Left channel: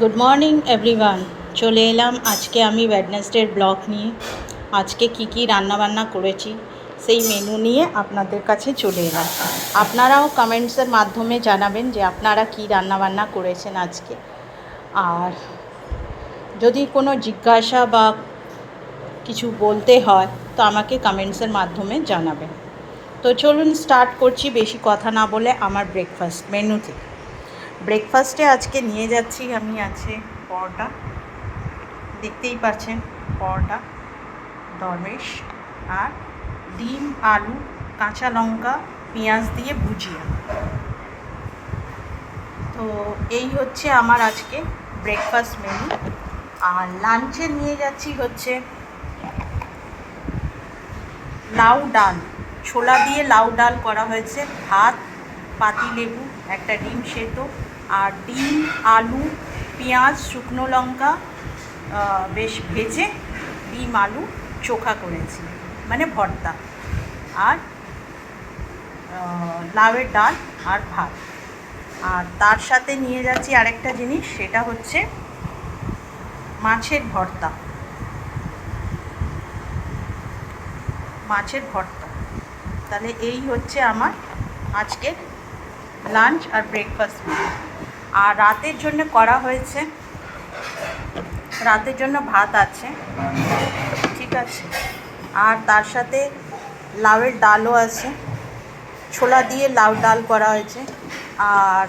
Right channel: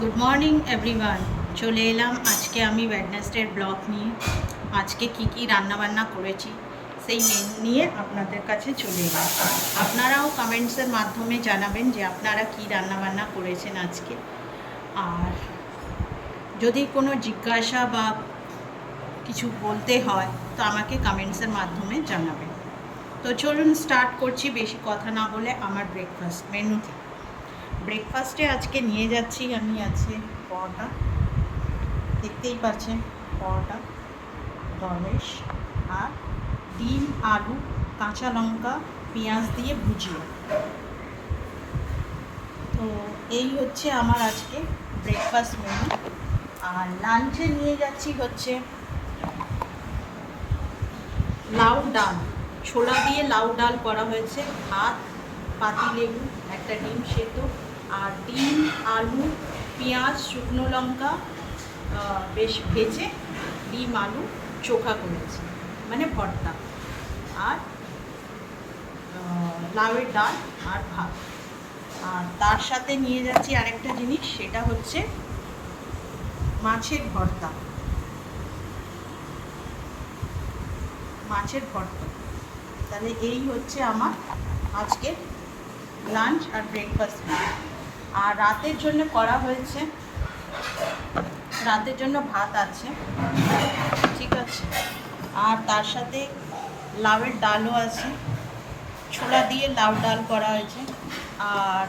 Good morning everyone. চলে এলাম আজকে আমি ওয়েডনেসডের ব্লগ নিয়ে। আজকে কি রান্নাবান্না করেছি সেই মেনু নিয়ে আপনাদের কাছে চলে এলাম। আপনারাও কমেন্টসের মাধ্যমে জানাবেন যে আপনারা কি রান্নাবান্না করেছেন আজকে। আর যদি কোনো জিজ্ঞাসা বা কিছু বলতে হয় তো আমাকে কমেন্টসের মাধ্যমে জানাবেন। তো চলুন স্টার্ট করছি বেশি কথা না বলে আমার ব্রেকফাস্ট মেনুতে। ব্রেকফাস্টে আজকে নিয়ে যাচ্ছি আমি আছে পরোটা, দেখতেই পাচ্ছেন পরোটা, ডরমেশ আর ডিম, আলু, কাঁচা লঙ্কা, পেঁয়াজ দিয়ে ভুজিয়া। তো এই হচ্ছে আমার আজকে ব্রেকফাস্ট মেনু। আর লাঞ্চে নিয়ে যাচ্ছি হচ্ছে লাউ ডাল, ছোলা দিয়ে লাউ ডাল করা হয়েছে, ভাত, পাতিলেবু, একটা ডিম সেদ্ধ আর ডিম, আলু, পেঁয়াজ, শুকনো লঙ্কা বেশ ভেজে ডিম আলু চোখা করেছি, মানে ভর্তা, আর লাউয়ের ডাল আর ভাত। আর তার সাথে নিয়ে যাচ্ছি আরেকটা জিনিস, সেটা হচ্ছে মাছের ভর্তা। তাহলে এই হচ্ছে আমার আজকের লাঞ্চ আর ব্রেকফাস্ট। আর রাতের জন্য করা হয়েছে, রাতের জন্য ভাত আছে, ঠিক আছে, আর তার সাথে লাউয়ের ডালও আছে, ছোলা দিয়ে লাউ ডাল করা হয়েছে, আর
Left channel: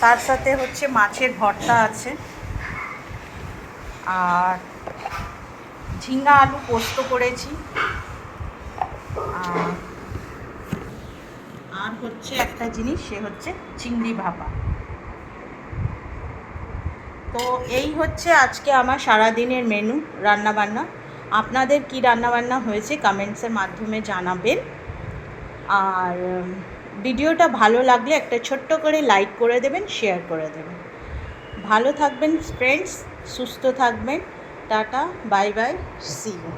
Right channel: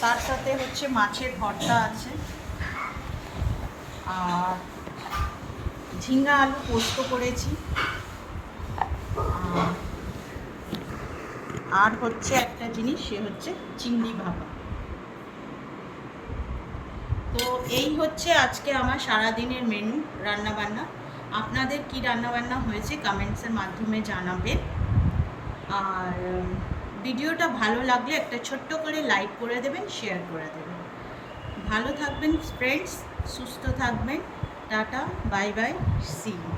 তার সাথে হচ্ছে মাছের ভর্তা আছে, আর ঝিঙ্গা আলু পোস্ত করেছি, আর হচ্ছে একটা জিনিস, সে হচ্ছে চিংড়ি ভাপা। তো এই হচ্ছে আজকে আমার সারাদিনের মেনু রান্নাবান্না। আপনাদের কি রান্নাবান্না হয়েছে কমেন্টসের মাধ্যমে জানাবেন। আর ভিডিওটা ভালো লাগলে একটা ছোট্ট করে লাইক করে দেবেন, শেয়ার করে দেবেন। ভালো থাকবেন ফ্রেন্ডস, সুস্থ থাকবেন। Tata, bye bye, see you.